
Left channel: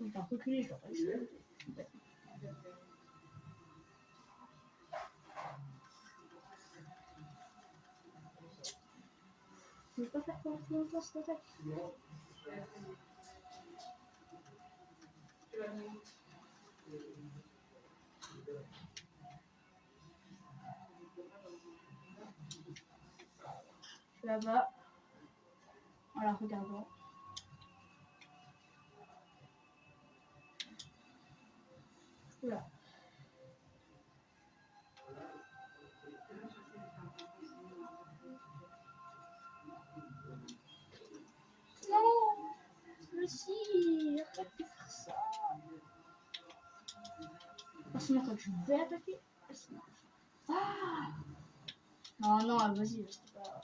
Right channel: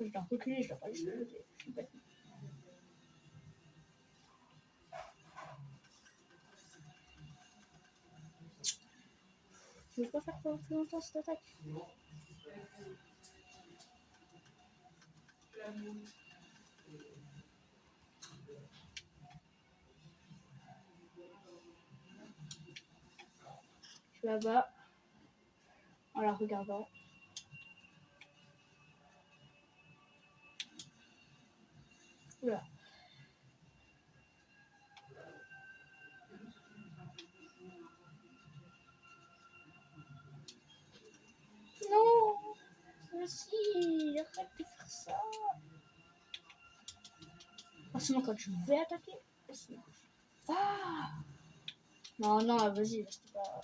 Je dois reculer, je dois pas laisser de côté. Je suis bête. Je vais pas faire pendant plus longtemps cette attaque. là-bas. En la regardant. Oula. Non! Merci! Arrête de faire ça! Oh, sinon, quand je vais attaquer, laisse-moi. Ah! Non, non, vas-y, c'est pas.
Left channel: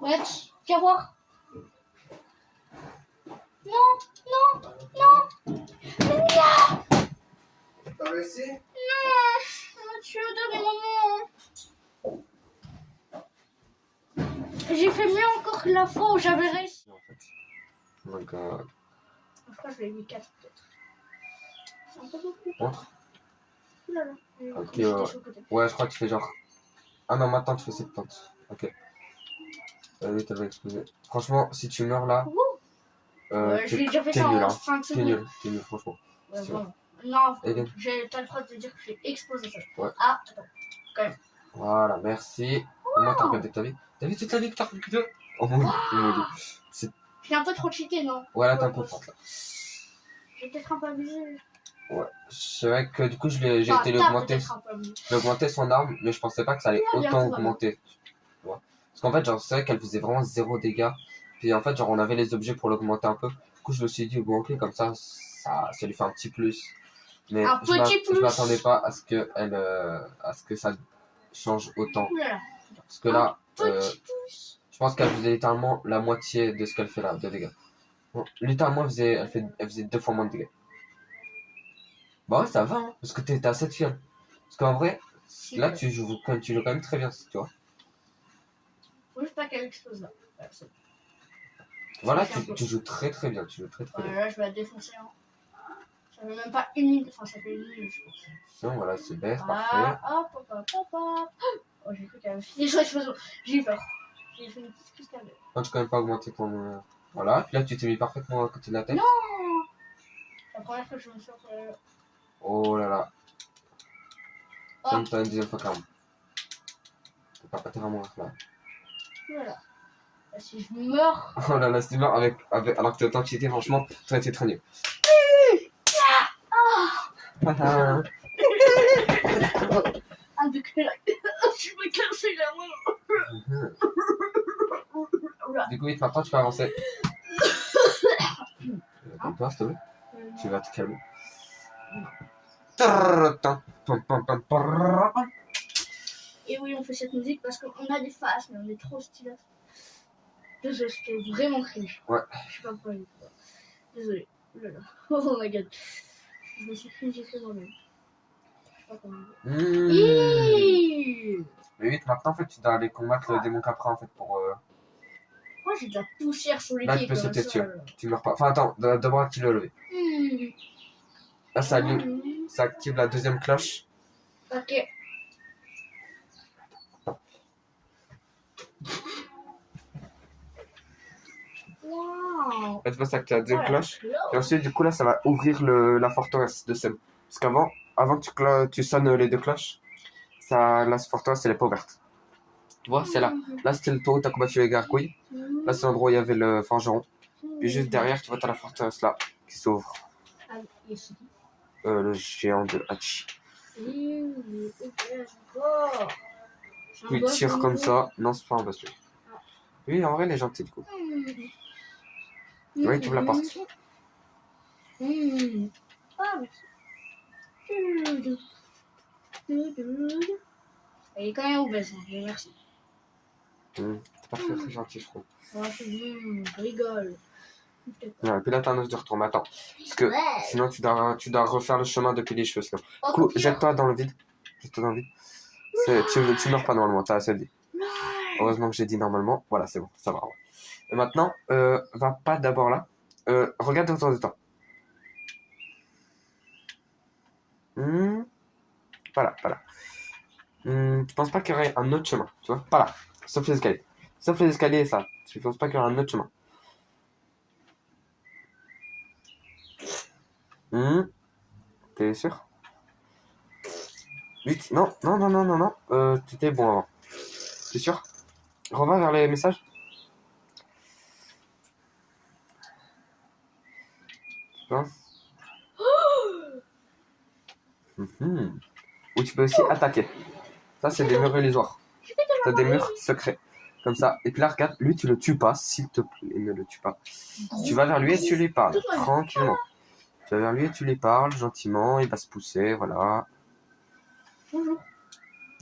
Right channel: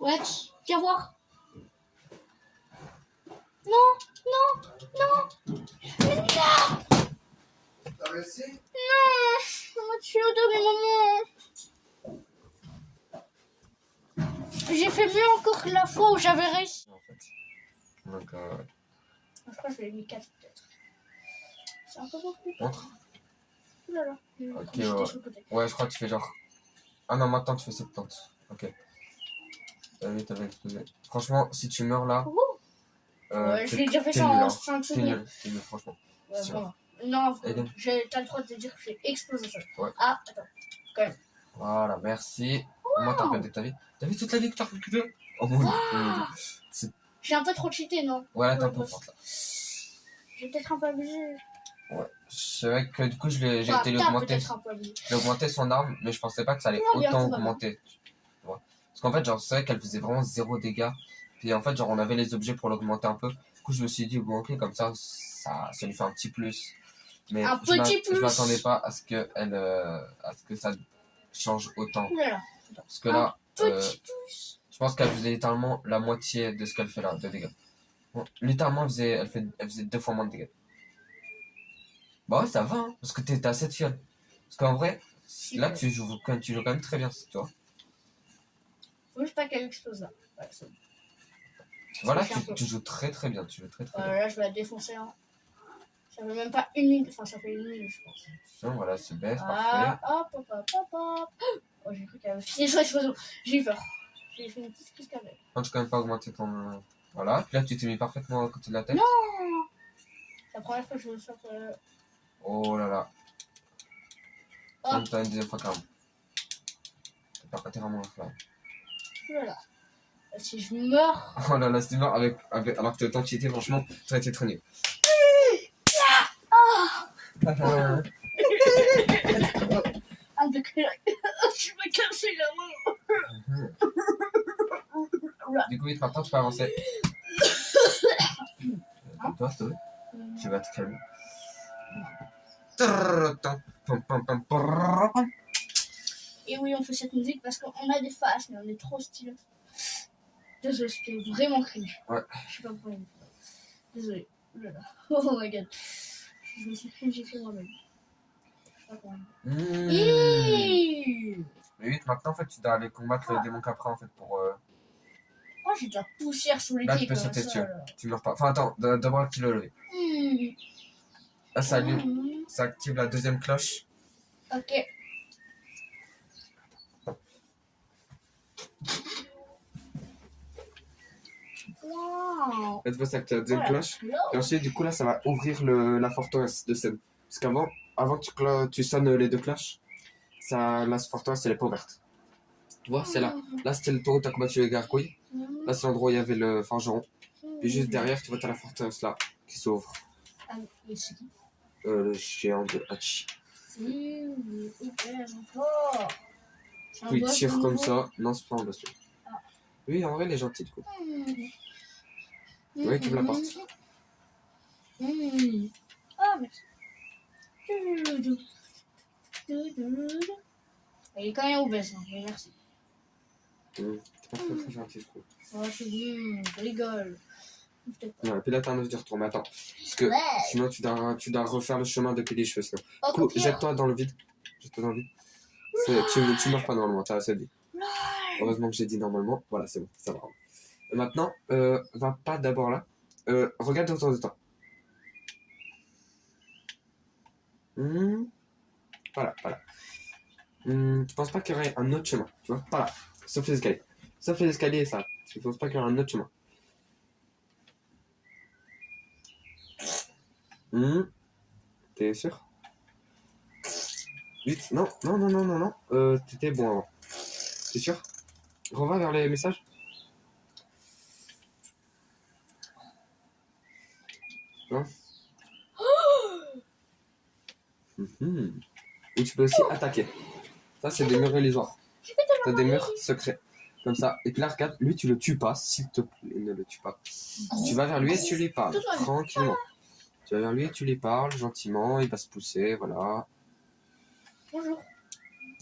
Ouais, viens voir. Non, non, non. Non, T'as réussi? on m'a tué au dernier moment. J'ai fait mieux encore que la fois où j'avais réussi. En fait. Donc, Je crois que je l'ai mis 4 peut-être. C'est un peu beaucoup. montre. Ouh là là. Ok, J'étais ouais. sur le côté. Ouais, je crois que tu fais genre. Ah non, maintenant tu fais 70. Ok. Oui, t'avais explosé. Franchement, si tu meurs là, Ouh. t'es J'ai déjà fait t'es ça nul, en hein. 5 T'es secondes. nul, franchement. Ouais, C'est vraiment. Non, Eden. t'as le droit de dire que j'ai explosé ça. Ouais. Ah, attends. Voilà, merci. Comment t'as regardé ta vie? T'as vu toute la vie que t'as regardé? Oh mon dieu. J'ai un peu trop cheaté, non? Ouais, là, t'es un peu forte là. J'ai peut-être un peu abusé. Ouais. C'est vrai que du coup, j'ai Enfin, été t'as l'augmenter. peut-être un peu abusé. J'ai augmenté son arme, mais je pensais pas que ça allait Regarde bien autant tout va bien. augmenter. Tu vois. Parce qu'en fait, genre, c'est vrai qu'elle faisait vraiment 0 dégâts. Puis en fait, genre, on avait les objets pour l'augmenter un peu. Du coup, je me suis dit, bon, ok, comme ça lui fait un petit plus. Mais Un petit plus. je m'attendais pas à ce que à ce que ça change autant. Ouh là là. Parce que là, Petit plus. je pense qu'elle faisait littéralement la moitié de ce qu'elle fait là, de dégâts. Bon, littéralement, elle faisait 2 fois moins de dégâts. Bah ouais, ça va, hein, parce que t'es à 7 fioles. Parce qu'en vrai, là, tu joues quand même très bien, tu vois. Faut juste pas qu'elle explose là. Ouais, c'est bon. Voilà, Ça fait un peu. tu joues très très bien, tu joues très très bien. Là, je vais la défoncer. Hein. Ça fait même pas une minute. Enfin, ça fait une minute, je pense. Sinon, voilà, c'est bête, Ah, parfait. hop, hop, hop, hop, hop. Oh, j'ai cru qu'elle avait fini son explosion. J'ai eu peur. J'ai fait une petite crise cardiaque. Quand tu quand même pas augmenté ton. Voilà, puis là, tu t'es mis parfaitement à côté de la tête. Non. C'est la première fois que je me sors. Oh là là. Ah. Comme t'as une deuxième fois quand même. T'es pas pété vraiment là. Voilà. Si je meurs. Oh là là, si tu meurs alors que t'as autant cheaté, franchement, t'aurais été très nul. Ah, de que je me casse la main. Du coup, vite, maintenant, tu peux avancer. Calme-toi, s'il te plaît. Tu vas te calmer. Et oui, on fait cette musique parce qu'on a des faces, mais on est trop stylés. Désolé, c'était vraiment cringe. Ouais. Je sais pas pourquoi. Désolé. Oh là là. Oh my god. Je me suis cringé fait moi-même. Je sais pas comment dire. Hiiii. Mais vite, maintenant, en fait, tu dois aller combattre le démon Capra, en fait, pour. Oh, j'ai de la poussière sur les Là, pieds. tu peux comme sauter ça, dessus. là. Tu meurs pas. Enfin, attends, d'abord, tu le lever. Là, ça active la deuxième cloche. Ok. Wow. En fait, ça active la deuxième cloche. Et Et ensuite, du coup, là, ça va ouvrir la forteresse de Seb. Parce avant que tu sonnes les deux cloches, la forteresse, elle est pas ouverte. Tu vois, c'est là. Là, c'était le tour où tu as combattu les gargouilles. Là, c'est l'endroit où il y avait le forgeron. Puis juste derrière, tu vois, tu as la forteresse là, qui s'ouvre. Ah, et c'est qui? Le géant de Hachi. Encore. Puis il tire comme ça. Non, c'est pas un boss. Ah. Oui, en vrai, il est gentil, du coup. Oui, tu ouvres la porte. Ah, merci. Elle est quand même obèse, hein, mais merci. C'est pas très très gentil, je trouve. Oh, c'est bon, je rigole. Non, et puis là, t'as un os de retour. Mais attends. Parce que Ouais. sinon, tu dois refaire le chemin depuis les cheveux. Sinon. Oh, Du coup, copieur. jette-toi dans le vide. Jette-toi dans le vide. Tu meurs pas normalement, t'as assez de vie. Heureusement que j'ai dit normalement. Voilà, c'est bon, ça va. Ouais. Et maintenant, va pas d'abord là. Regarde autour de toi. Voilà, voilà. Tu penses pas qu'il y aurait un autre chemin, tu vois? Pas là. Sauf les escaliers. Sauf les escaliers, ça. Tu penses pas qu'il y aurait un autre chemin? T'es sûr? Vite. Non, non, non, non, non, non. T'étais bon avant. T'es sûr? Reviens vers les messages. Non? Ou tu peux aussi attaquer. Ça, c'est des murs illusoires. T'as des murs secrets. Comme ça. Et puis là, regarde, lui, tu le tues pas, s'il te plaît, ne le tue pas. Tu vas vers lui et tu lui parles, tranquillement. Tu vas vers lui et tu lui parles, gentiment, il va se pousser, voilà. Bonjour.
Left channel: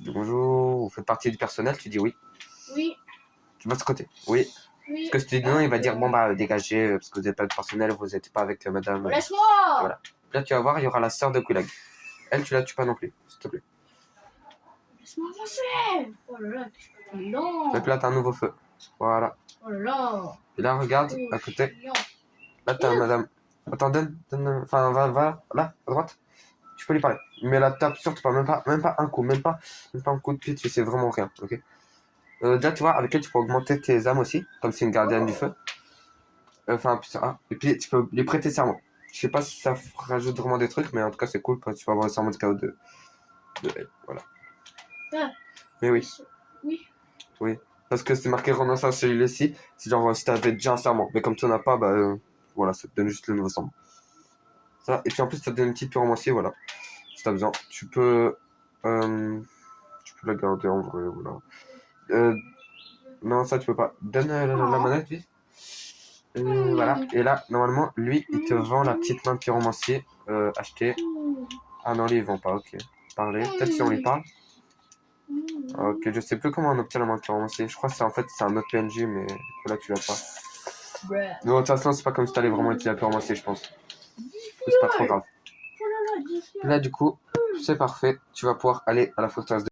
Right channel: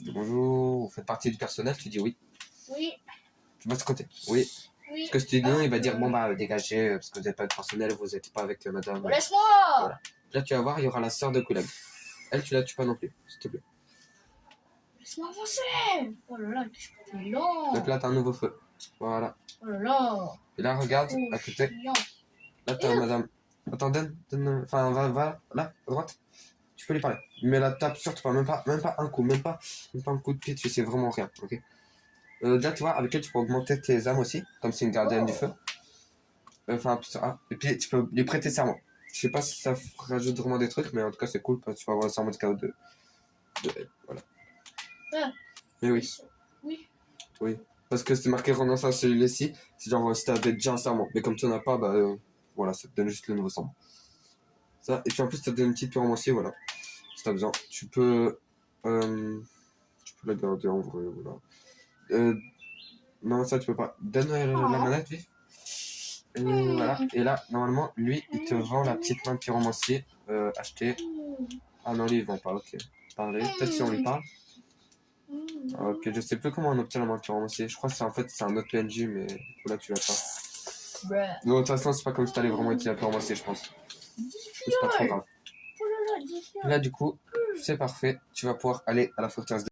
Bonjour, vous faites partie du personnel, tu dis oui. Oui. Tu vas de ce côté, oui. Oui. Parce que si tu dis non, il va dire bon bah dégagez, parce que vous n'êtes pas de personnel, vous n'êtes pas avec madame. Laisse-moi. Voilà. Là, tu vas voir, il y aura la sœur de Kulag. Elle, tu la tues pas non plus, s'il te plaît. Laisse-moi avancer. Oh là là, t'es lent. Et puis là, t'as un nouveau feu. Voilà. Oh là là. Et là, regarde, Oh, à côté. chiant. Là, t'as madame. Attends, donne. Enfin, va, là, à droite. Tu peux lui parler. Mais la tape, surtout pas, même pas un coup, même pas un coup de pied, tu sais vraiment rien, ok? Déjà, tu vois, avec elle, tu peux augmenter tes âmes aussi, comme c'est une gardienne du feu. Enfin, et puis tu peux lui prêter serment. Je sais pas si ça rajoute vraiment des trucs, mais en tout cas, c'est cool, parce que tu vas avoir le serment de chaos de elle, voilà. Ah. Mais oui. Oui. Oui. Parce que c'est marqué renoncer à celui-ci, c'est genre si t'avais déjà un serment. Mais comme tu n'en as pas, bah voilà, ça te donne juste le nouveau serment. Ça, et puis en plus, ça te donne une petite pyromancie, voilà. Si t'as besoin. Tu peux la garder en vrai, voilà. Non, ça tu peux pas. Donne la manette, vite. Voilà. Et là, normalement, lui, il te vend la petite main de pyromancier. Acheter. Ah non, lui, il vend pas, ok. Parler. Peut-être si on lui parle. Ok, je sais plus comment on obtient la main de pyromancier. Je crois que c'est en fait c'est un autre PNJ, mais là tu l'as pas. Mais de toute façon, c'est pas comme si t'allais vraiment utiliser la pyromancier, je pense. C'est pas trop grave. Là, du coup, c'est parfait. Tu vas pouvoir aller à la forteresse de